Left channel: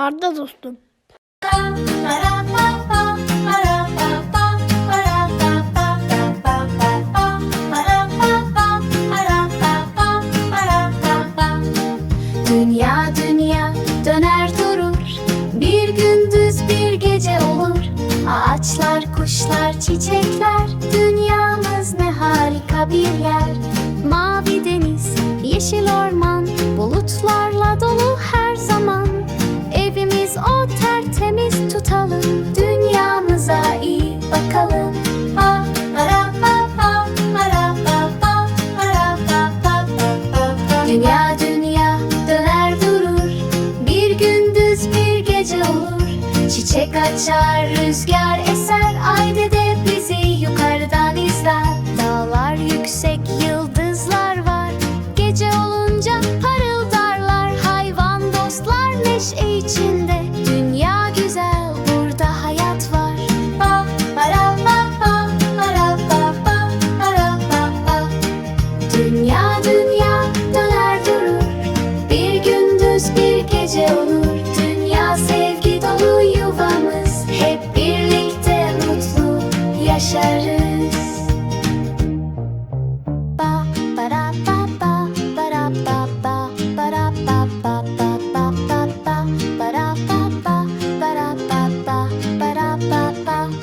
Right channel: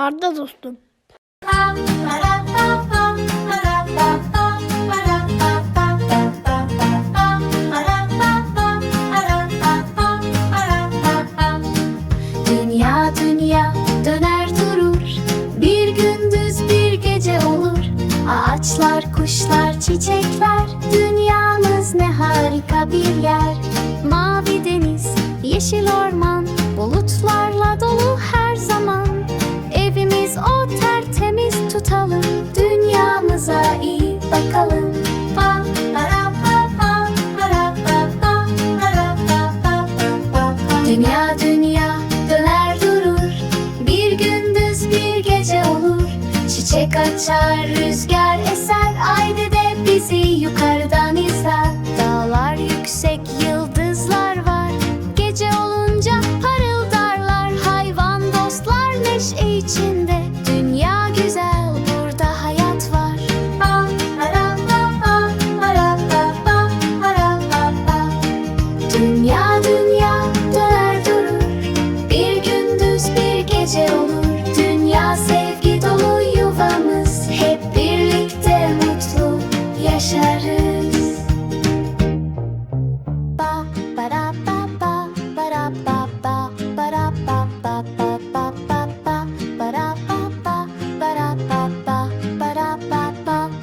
Arda dostum. Dünya dünya döner durur. Bir gündüz bir gece olur. Ağaçlar, kuşlar, çiçekler. Dünyamız ne harika bir yer. Mavi deniz, yeşil orman tutalım. Dünyamıza iyi bakalım. Dünya dünya döner durur. Bir gündüz bir gece olur. Çiçek açar rüzgar eser. Ay dede bizi yukarıdan izler. Dağlar yüksek yıldızlar var. Gece olunca parıldarlar. Hayvan dostlar neşe içinde. gece olur Dünya sevgi dolu yuvamız Hep birlikte mutlu yaşarız Ba bara ba ba bara ba ba bara ba ba ba ba ba ba bara ba ba bara ba ba bara ba ba